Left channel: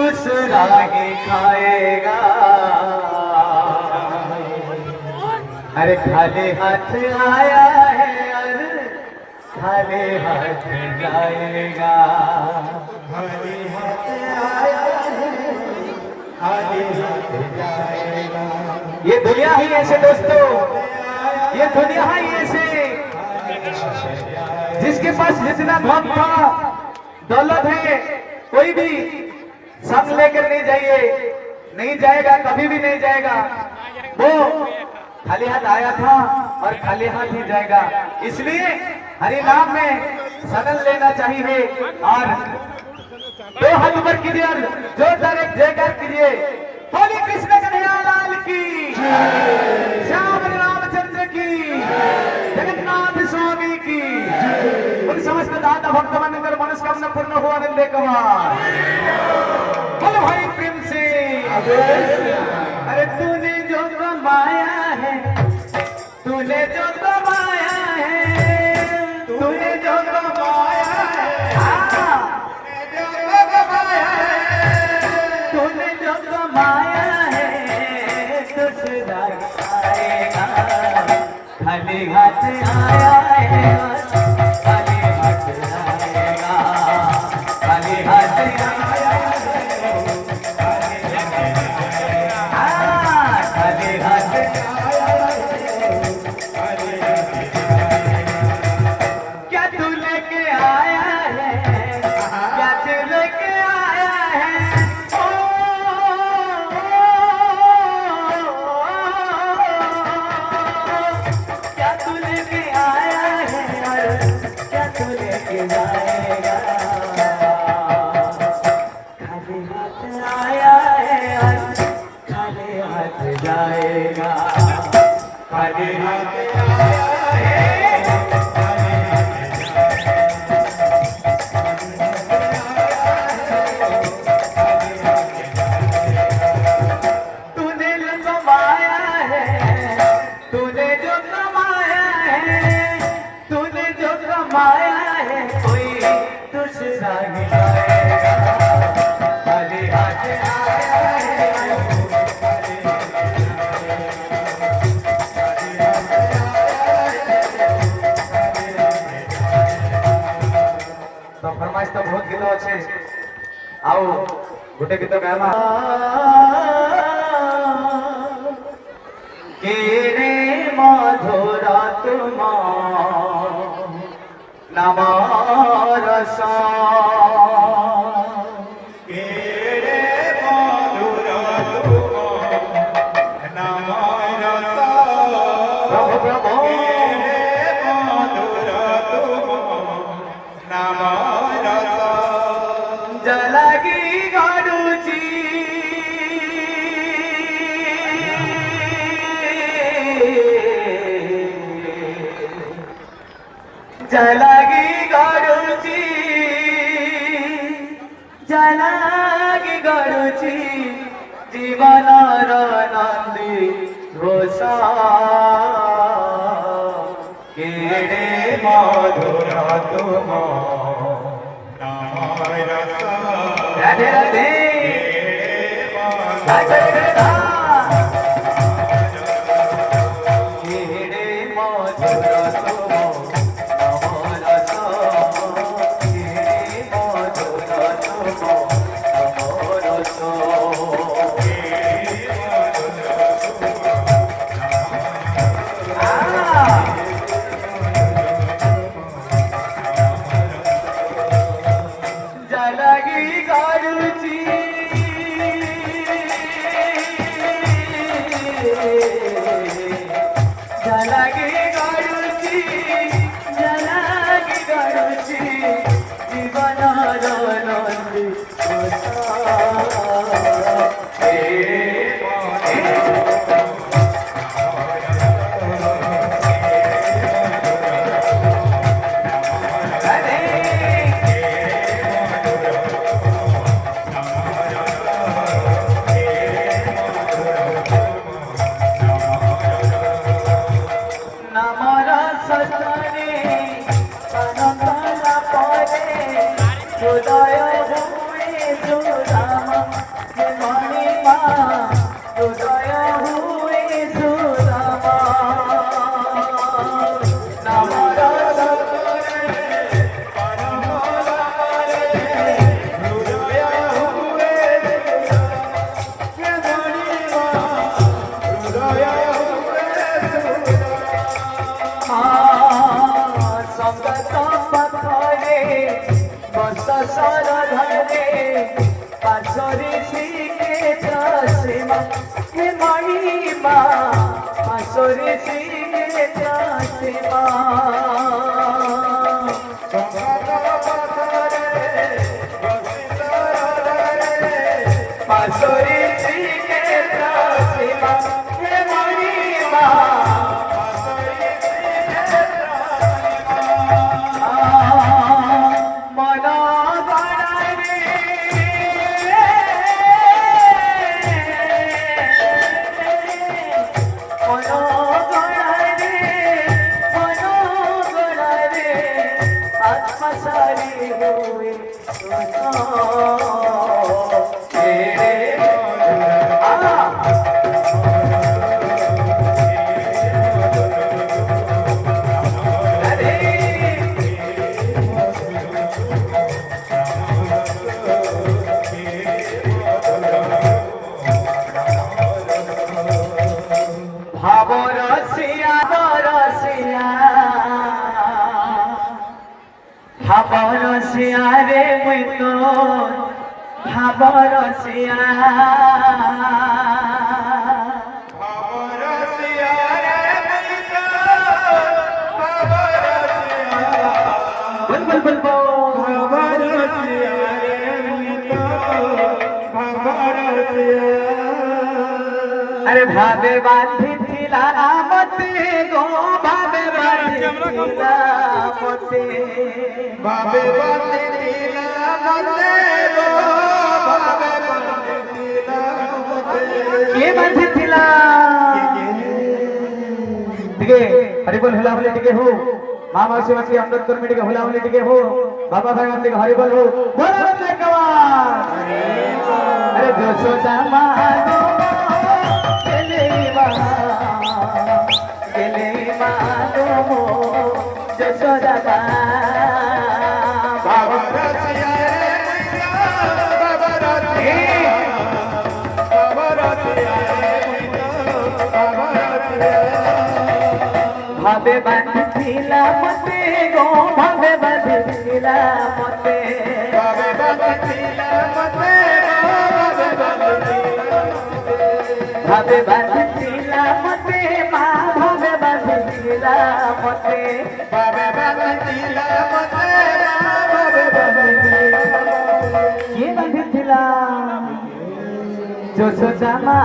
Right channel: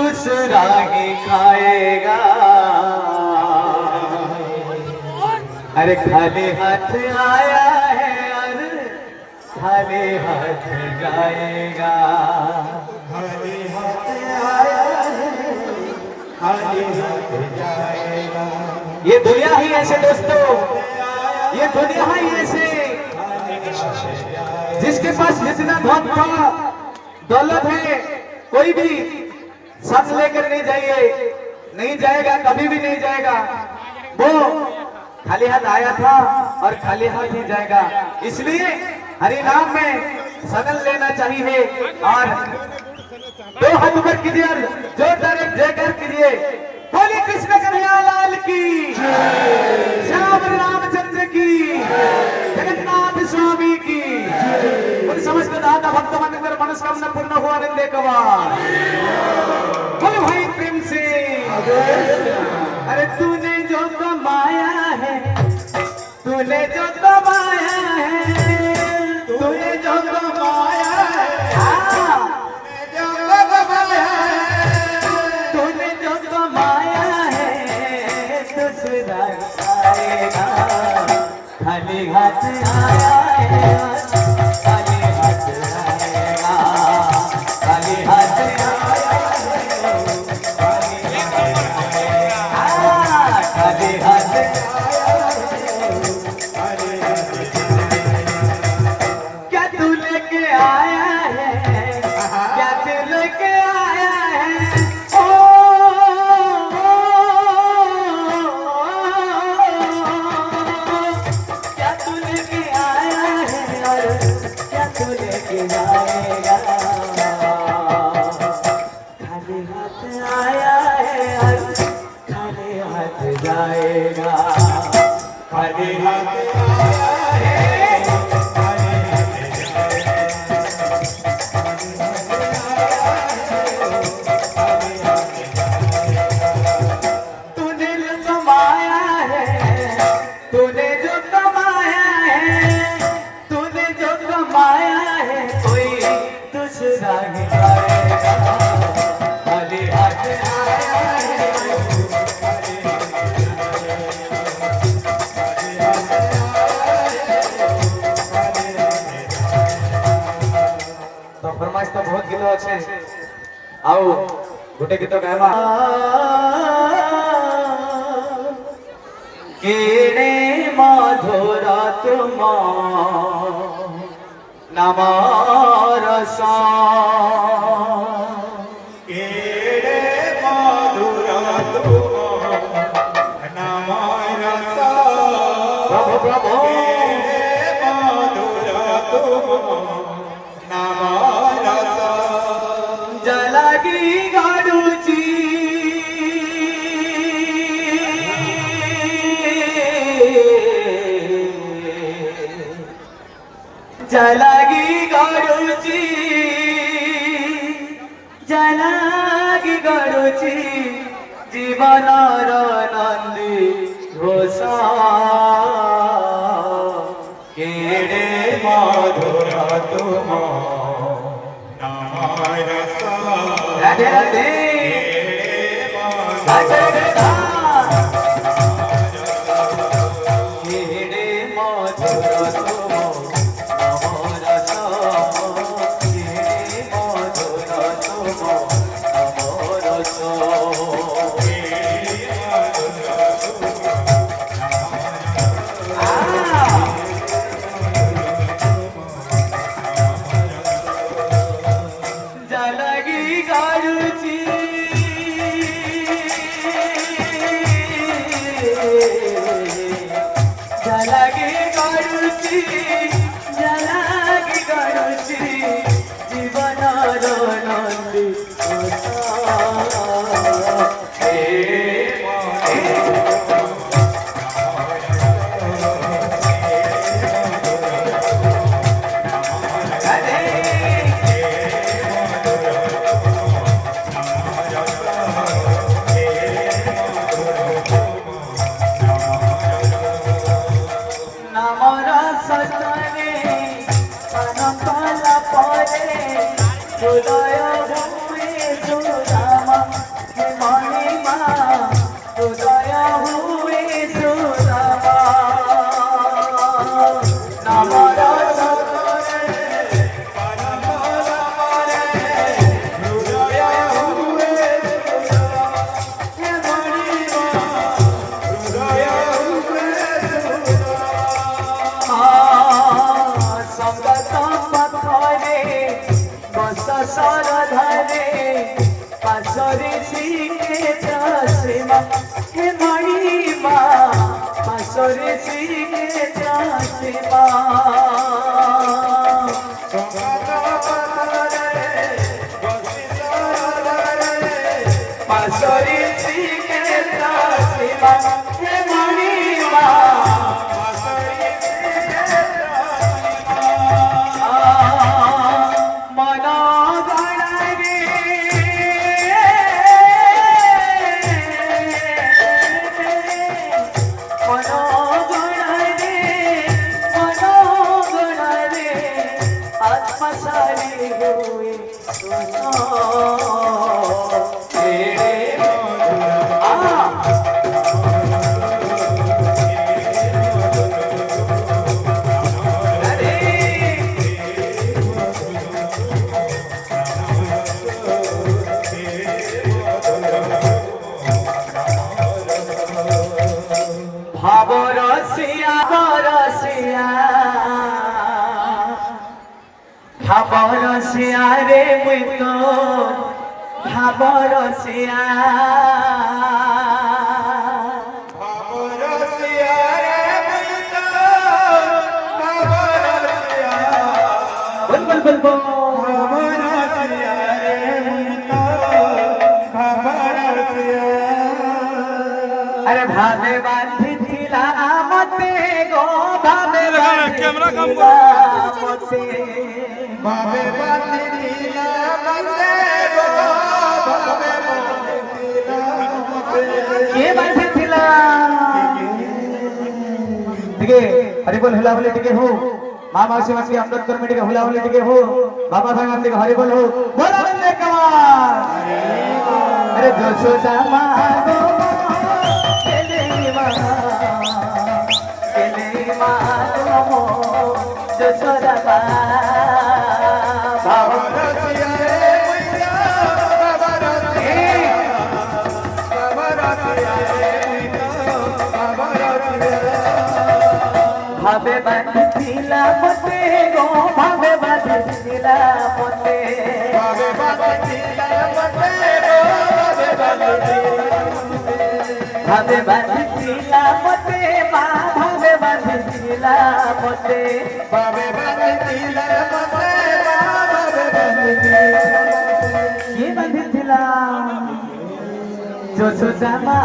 दूसरा ही खाएगा। अरे खाली हाथ आया है और खाली हाथ जाएगा। खाली हाथ आया है, खाली हाथ जाएगा। ये दुनिया ही ऐसे दोस्तों, ये दुनिया ही ऐसे, जिसके पास जितना धन था दौलत है, कोई भी संग लेकर नहीं जाइए, नहीं जाएगा, कभी भी नहीं जाएगा। वो खाली हाथ आया था और खाली हाथ ही जाएगा। इसलिए हरि नाम में सगन लेना चाहिए। और दो हाथ ऊपर कीजिए, जोरदार एक जयकार कीजिए। बोले कृष्ण कन्हैया लाल की, श्याम रामचंद्र की, जगन्नाथ स्वामी की। उन समस्त दाता भक्तवन कर मनस्कामना पूर्ण हुआ वंदे कुमार। बोल भाई प्रेम से। अरे तूने जो कमाया है, तूने जो कमाया है, तूने जो कमाया है, तूने जो कमाया है, दूसरा आएगा। खाली हाथ आया है, खाली हाथ आएगा। खाली हाथ आया है, खाली हाथ क्या तू लेके आया है, क्या तू लेके आया है। क्या तू लेके आया है, क्या तू लेके जाएगा। खाली हाथ आया है, खाली हाथ जाएगा। खाली हाथ आया है, खाली हाथ तूने जो कमाया है, तूने जो कमाया है, तूने जो कमाया है, कोई दूसरा ही लाएगा। खाली हाथ आया है, खाली तो फरमाइश तो बहुत गीत अच्छे। आओ गोटे गीत गाइबा। केड़े मधुर तुम नाम रसा, केड़े मधुर तुम नाम रसा। प्रभु प्रभु केड़े मधुर तुम नाम रसा। जलगी गरुची, जलगी गरुची, जलगी गरुची, जीवनर नंदी घोषा। केड़े मधुर तुम नाम रसा। राधे राधे राधे राधे। केड़े मधुर तुम नाम रसा, केड़े मधुर तुम नाम रसा। जलगी गरुची, পাশরে শিখেছে মা হে মাইমা পাশরে শিখেছে মা পাশরে শিখেছে মা হে মাইমা ভাবরসিয়া রে মুই তো ভাবরসিয়া বল বল বল अरे भावे बांधी थिला मते गो भावे कैमरा मते भावे बांधी थिला मते गो भावे बांधी थिला मते के बांधी थिला ठीक है हरि बोल हिला बोले ठीक है हो मां मासी मासी अमृत कमिटी के हिला बोले ठीक है हो बाबा भाई गांधी हरि बोल हो दोनों बंदे कमाल अरे देशो दामा भावे बांधिला मते गो भावे बांधिला मते भावे बांधिला मते भावे बांधिला मते मा भावे बांधिला मते भावे बांधिला मते भावे बांधिला ये बांधिला जो सदामा